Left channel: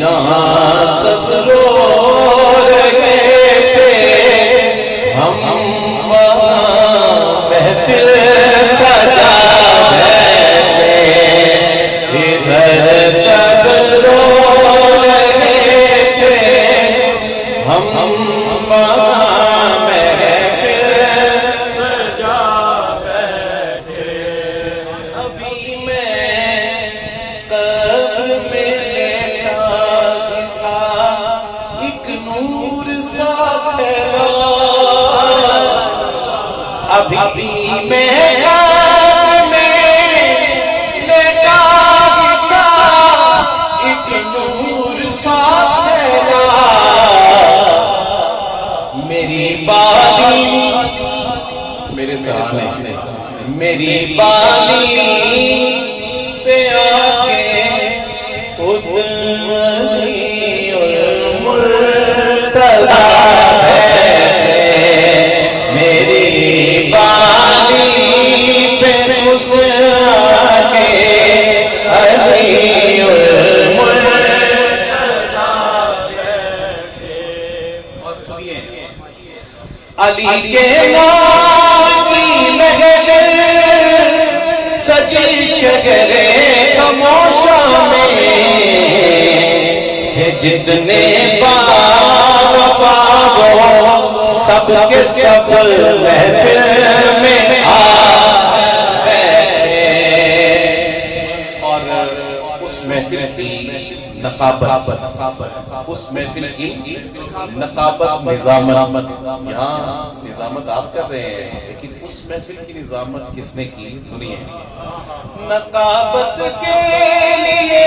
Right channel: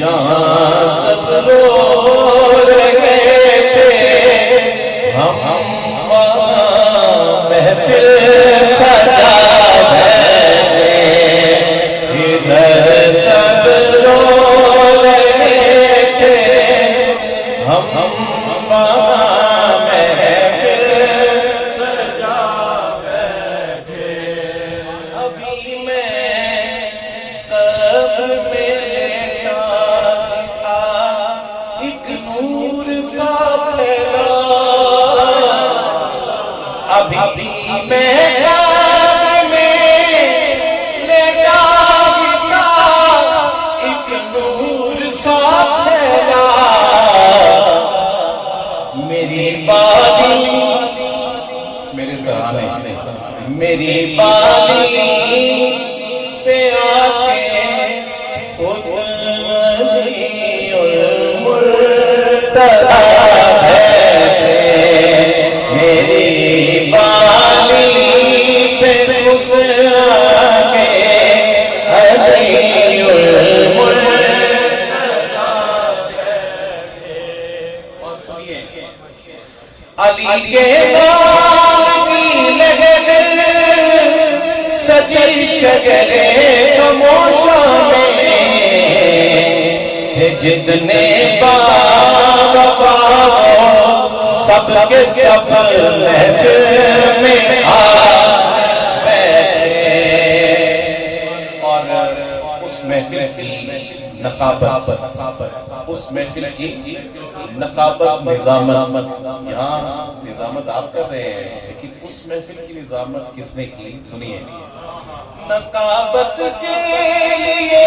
یہاں سب رو رہے تھے، ہم محفل سجا بیٹھے، ادھر سب رو رہے تھے، ہم محفل سجا بیٹھے۔ ابھی میں قبر میں لیٹا تھا، ایک نور سا پھیلا، ابھی میں قبر میں لیٹا تھا، ایک نور سا پھیلا، میری بالی میرے سامنے میری بالی پہ آکے خود علی اور مرتضیٰ بیٹھے، میری بالی پہ خود آکے علی اور مرتضیٰ بیٹھے۔ اور سنیے، علی کے نام کی محفل سجی شجرے خاموشوں میں، جتنے باوفا وہ سب کے سب محفل میں آ بیٹھے، اور اس محفل کی نقابت، اس محفل کی نقابت، نظامت، یہاں نظامت آپ کر رہے ہیں، لیکن اس محفل کی نظامت کس نے کی؟ سنیے، نقابت کے لیے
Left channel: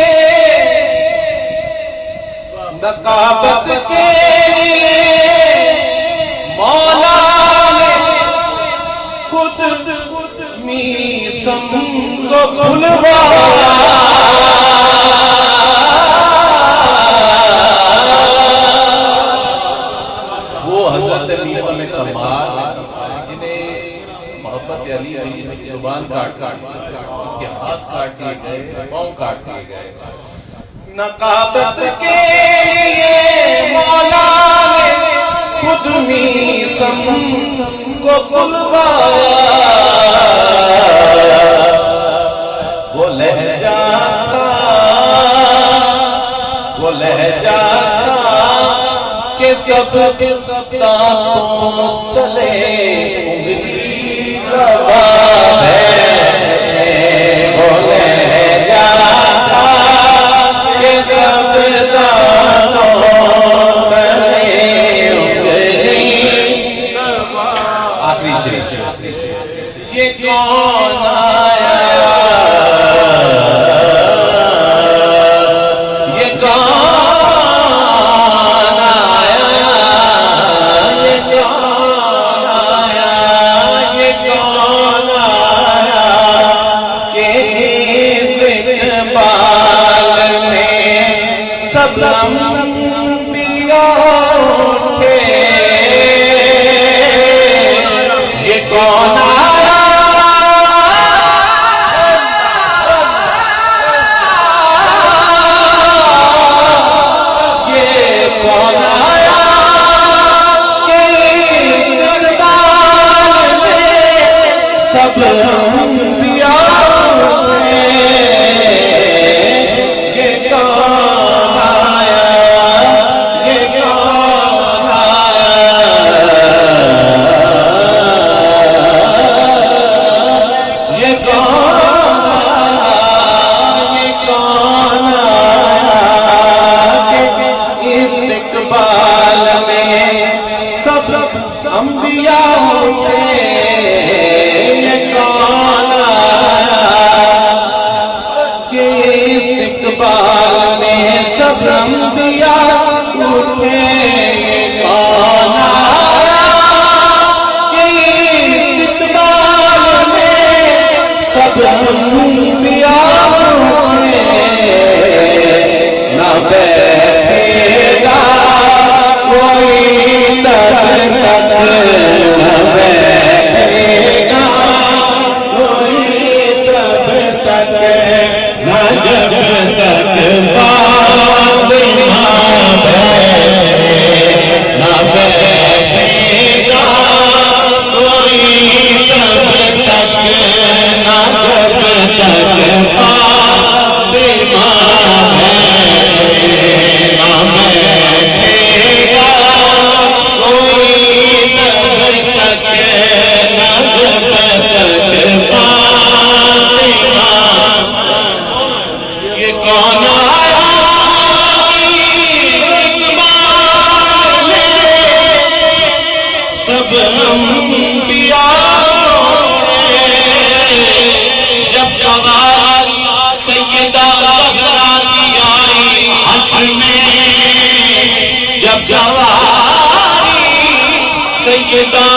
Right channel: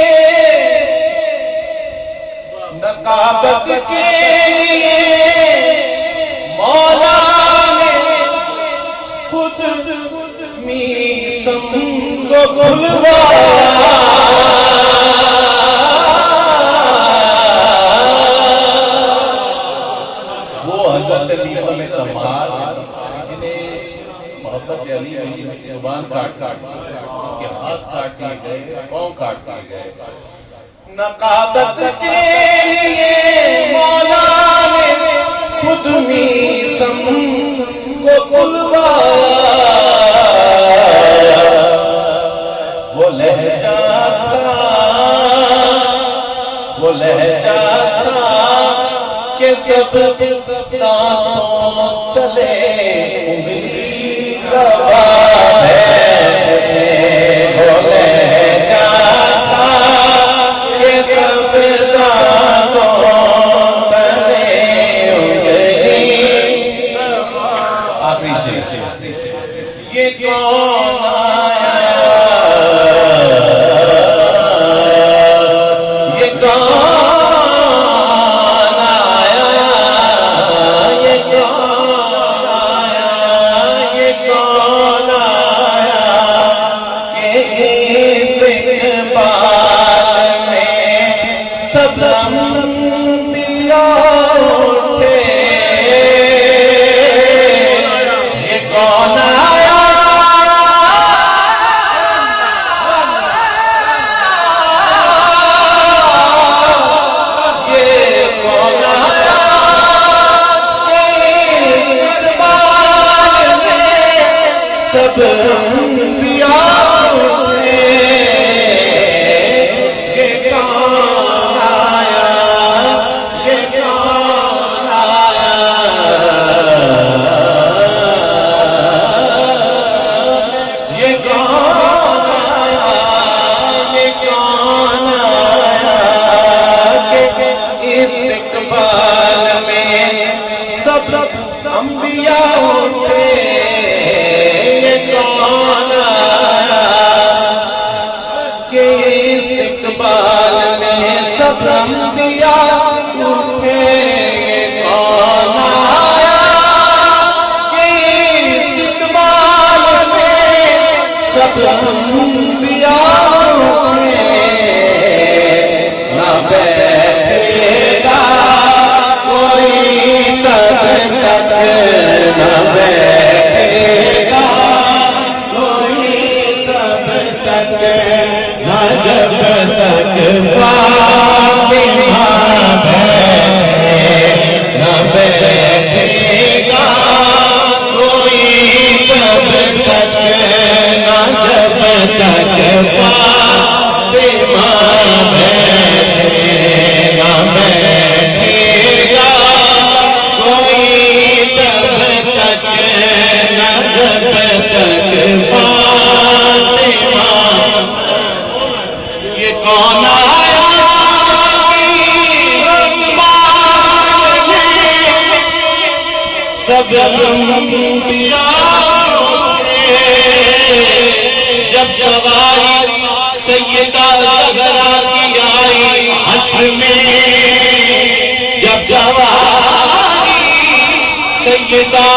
مولا نے خود میسم کو کھلوایا، وہ حضرت میسم کمال جنہیں محبت علی کی زبان کاٹ ان کے ہاتھ کاٹ دیے گئے، پاؤں کاٹ دیے گئے۔ نقابت کے لیے مولا نے خود میسم کو کھلوایا، وہ لہجہ تھا کہ سب دانتوں تلے انگلی دبا ہے، وہ لہجہ تھا کہ سب دانتوں تلے انگلی دبا۔ آخری شعر، یہ کون آیا، یہ کون انبیاء اٹھے، یہ کون آیا، یہ کون آیا کہ اس دربار میں سب انبیاء اٹھے، انبیاء اٹھے، یہ کون آیا کہ استقبال میں سب انبیاء اٹھے، یہ کون آیا کہ استقبال میں سب انبیاء اٹھے، نہ بیٹھے گا کوئی تب تک، نہ بیٹھے گا کوئی تب تک، نہ جب تک فاطمہ سب انبیاء جب سوال سیدہ زہرا کی آئی حشر میں جب سوال سیدہ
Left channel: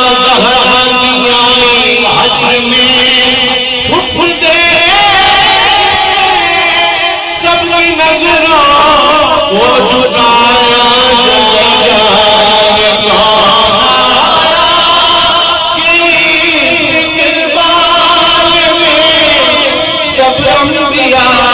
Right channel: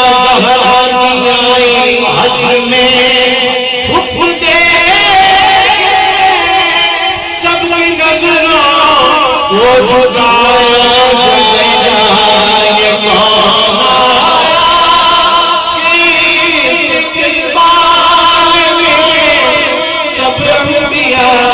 زہرا کی آئی حشر میں حب دے سب کی نظروں وہ جھکایا جائے یہ کون آیا کہ استقبال میں سب انبیاء